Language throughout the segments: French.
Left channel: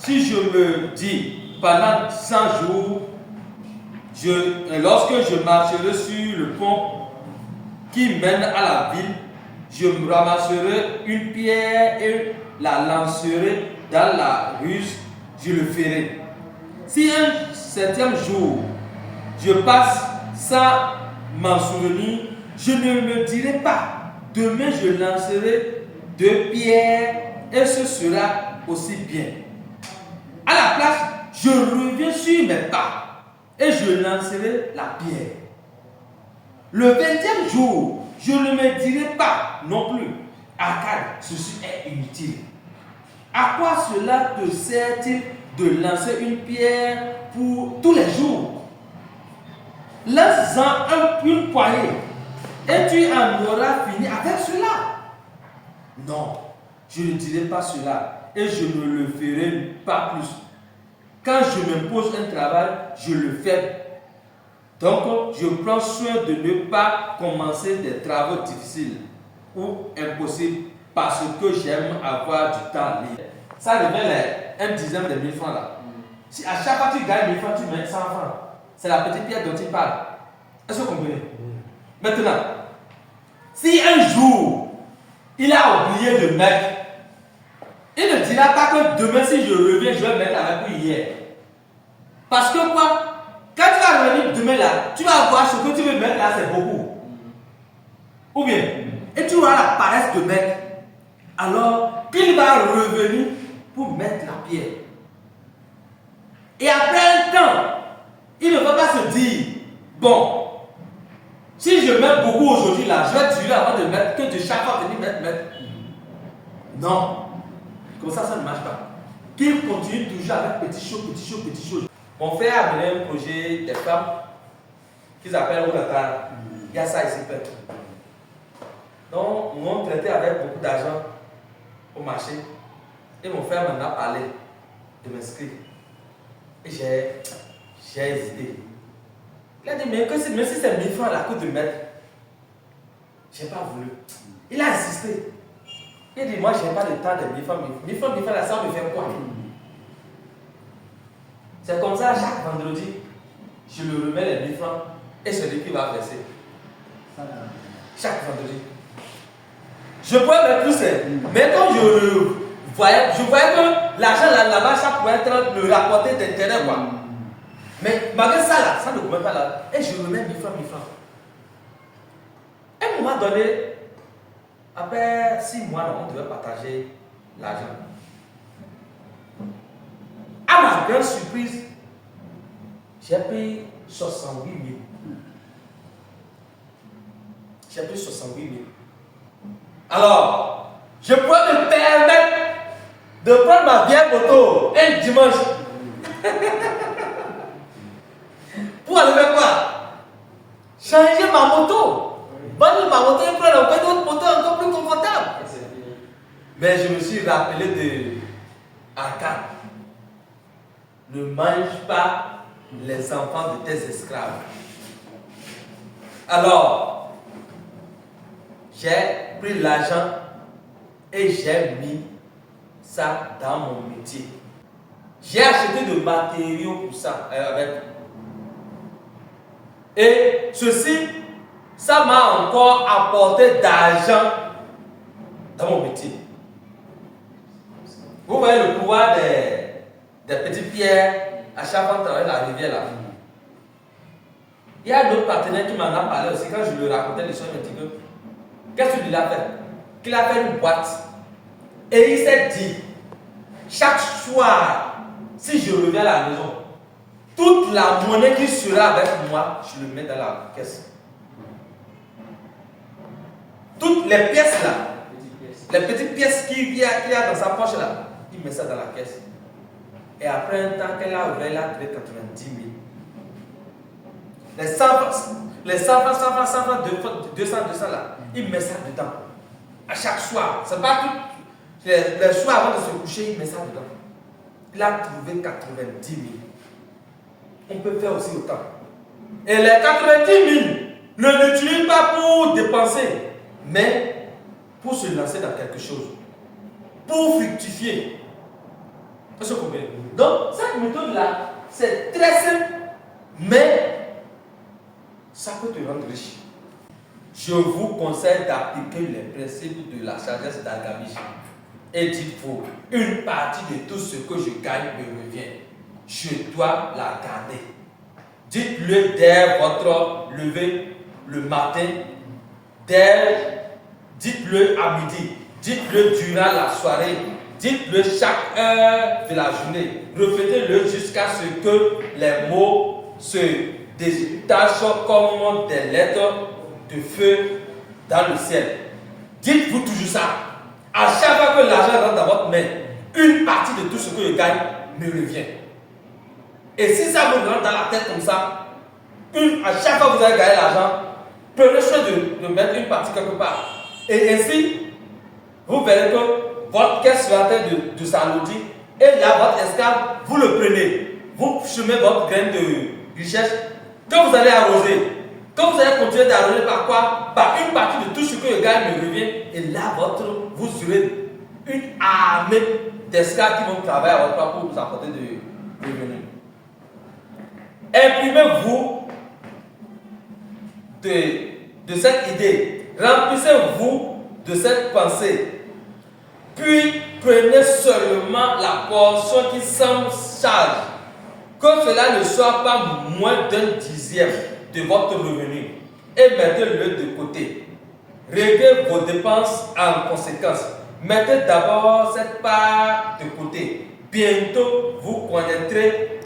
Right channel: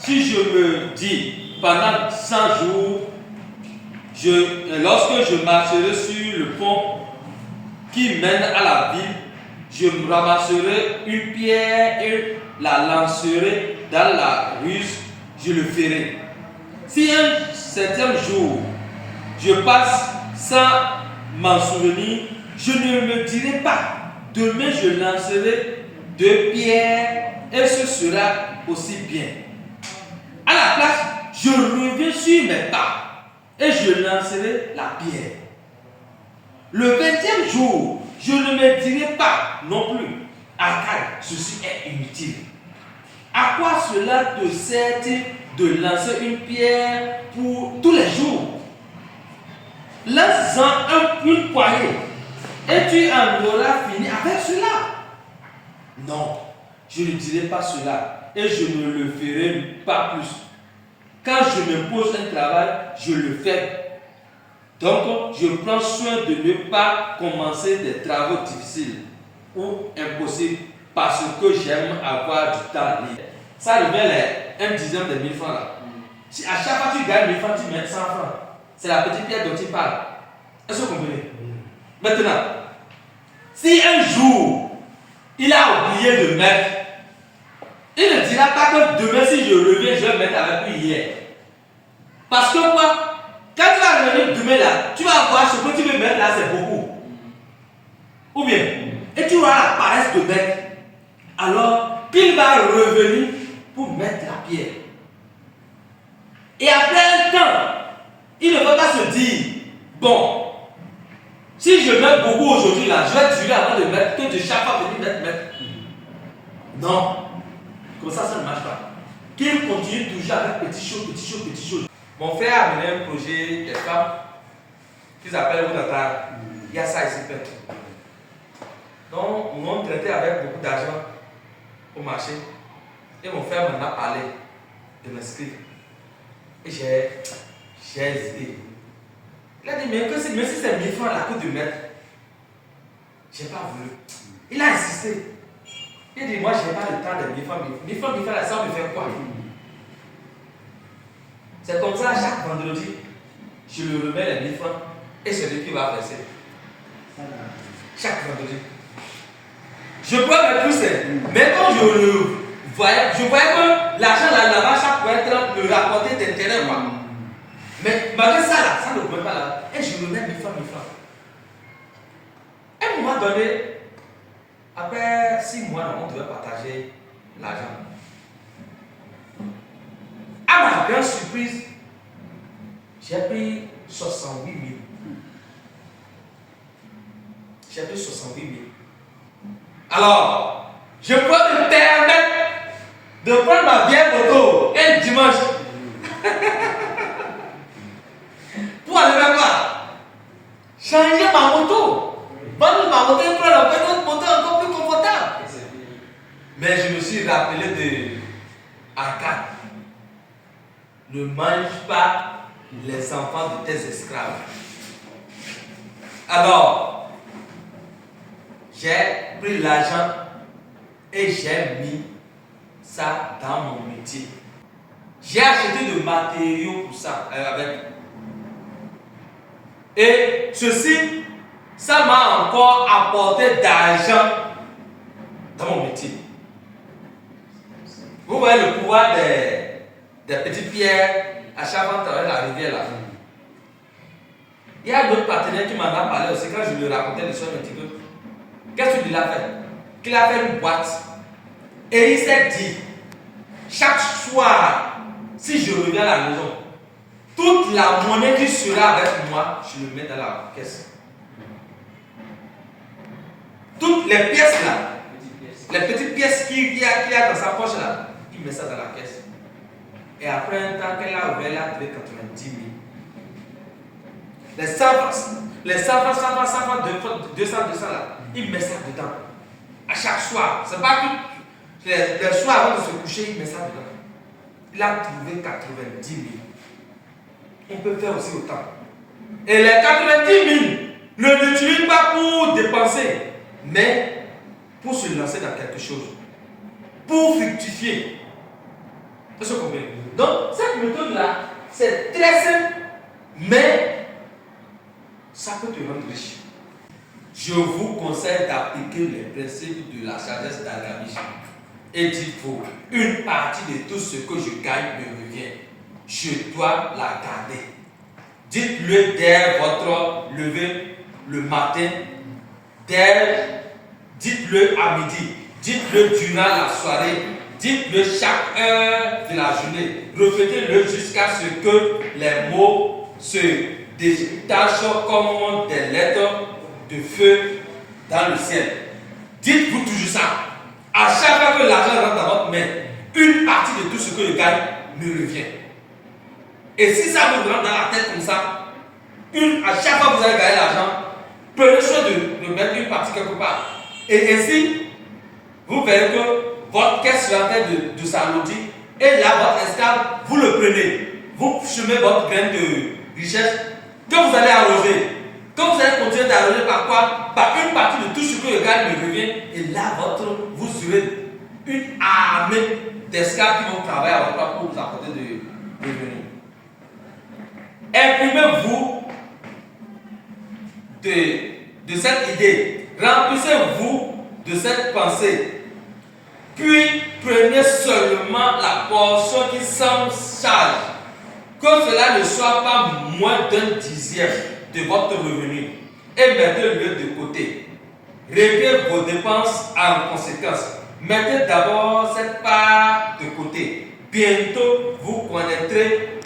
si je me dis pendant 100 jours, lorsque je marcherai sur le pont qui mène à la ville, je me ramasserai une pierre et la lancerai dans la ruse, je le ferai. Si un certain jour je passe sans m'en souvenir, je ne me dirai pas, demain je lancerai 2 pierres et ce sera aussi bien. À la place, je reviens sur mes pas et je lancerai la pierre. Le 20e jour, je ne me dirai pas non plus, Arcade, ceci est inutile. À quoi cela te sert-il de lancer une pierre pour tous les jours? Lance-en une poignée et tu en auras fini avec cela. Non, je ne dirai pas cela et je ne le ferai pas plus. Quand je me pose un travail, je le fais. Donc, je prends soin de ne pas commencer des travaux difficiles ou impossibles parce que j'aime avoir du temps libre. Ça revient un dixième de 1000 francs là. Si à chaque fois que tu gagnes 1000 francs, tu mets 100 francs. C'est la petite pierre dont tu parles. Est-ce que vous comprenez? Maintenant, si un jour, il a oublié de mettre, il ne dira pas que demain, si je reviens, je vais mettre avec lui hier. Parce que quoi? Quand tu vas revenir demain là, tu vas voir ce que tu veux mettre là, c'est beaucoup. Ou bien, et tu auras la paresse de mettre. Alors, qu'il va revenir pour mettre la pierre. Et après un temps, il ne va pas se dire, bon, si je mets beaucoup aujourd'hui là, je vais durer avant de mettre, que de chaque fois venir mettre. Non. Comme ça ne marche pas. Qu'il continue toujours avec petites choses. Mon frère a mené un projet des femmes qu'ils appellent Onatar. Il y a ça ici, peut-être. Donc, ils m'ont traité avec beaucoup d'argent au marché. Et mon frère m'en a parlé de m'inscrire. Et j'ai hésité. Il a dit, mais même si c'est 1000 francs la coûte de mettre, je n'ai pas voulu. Il a insisté. Il a dit, moi, je n'ai pas le temps de 1000 francs. 1000 francs, là, ça me fait quoi? C'est comme ça, chaque vendredi, je lui remets les 1000 francs et c'est lui qui va verser. Chaque vendredi. Je pourrais mettre plus, mais quand je voyais que l'argent là-bas, ça pouvait être le rapporter d'intérêt, quoi. Mais malgré ça, là, ça ne pouvait pas là. Et je remets 1000 francs. À un moment donné, après 6 mois, on devait partager l'argent. À ma grande surprise, j'ai pris 68 000. J'ai pris 68 000. Alors, je peux me permettre de prendre ma vieille moto un dimanche pour aller faire quoi? Changer ma moto. Vendre ma moto et prendre encore une autre moto encore plus confortable. Mais je me suis rappelé de Arcade. Ne mange pas les enfants de tes esclaves. Alors, j'ai pris l'argent et j'ai mis ça dans mon métier. J'ai acheté des matériaux pour ça avec. Et ceci, ça m'a encore apporté d'argent dans mon métier. Vous voyez le pouvoir des petites pierres à chaque fois que tu la rivière là. Il y a d'autres partenaires qui m'en ont parlé aussi quand je lui racontais l'histoire de Tigo. Qu'est-ce qu'il a fait? Qu'il a fait une boîte. Et il s'est dit, chaque soir, si je reviens à la maison, toute la monnaie qui sera avec moi, je le mets dans la caisse. Toutes les pièces là, les petites pièces qu'il y a dans sa poche là, il met ça dans la caisse. Et après un temps qu'elle a ouvert, elle a trouvé 90 000. Les 100 francs, 200 là, il met ça dedans. À chaque soir, c'est pas tout. Les soirs avant de se coucher, il met ça dedans. Il a trouvé 90 000. On peut faire aussi autant. Et les 90 000 ne l'utilisent pas pour dépenser, mais pour se lancer dans quelque chose. Pour fructifier. Est-ce que vous comprenez? Donc, cette méthode-là, c'est très simple, mais ça peut te rendre riche. Je vous conseille d'appliquer les principes de la sagesse d'Al-Gamish. Et dites-vous, une partie de tout ce que je gagne me revient. Je dois la garder. Dites-le dès votre lever le matin, dites-le à midi, dites-le durant la soirée, dites-le chaque heure de la journée. Répétez-le jusqu'à ce que les mots se détachent comme des lettres de feu dans le ciel. Dites-vous toujours ça. À chaque fois que l'argent rentre dans votre main, une partie de tout ce que je gagne me revient. Et si ça vous rentre dans la tête comme ça, à chaque fois que vous allez gagner l'argent, prenez soin de mettre une partie quelque part. Et ainsi, vous verrez que votre caisse sera en train de s'alourdir. Et là, votre esclave, vous le prenez. Vous semez votre graine de richesse que vous allez arroser. Quand vous allez continuer d'arroser par quoi? Par une partie de tout ce que le gars me revient. Et là, vous aurez une armée d'esclaves qui vont travailler à votre part pour vous apporter de revenus. Imprimez-vous de cette idée. Remplissez-vous de cette pensée. Puis prenez seulement la portion qui semble sage. Que cela ne soit pas moins d'un dixième de votre revenu. Et mettez-le de côté. Réglez vos dépenses en conséquence. Mettez d'abord cette part de côté. Bientôt, vous connaîtrez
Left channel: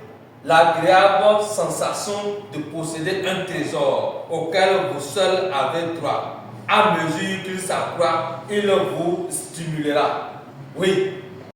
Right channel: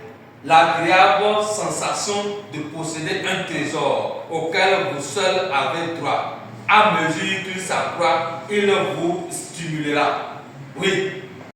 l'agréable sensation de posséder un trésor auquel vous seul avez droit. À mesure qu'il s'accroît, il vous stimulera. Oui,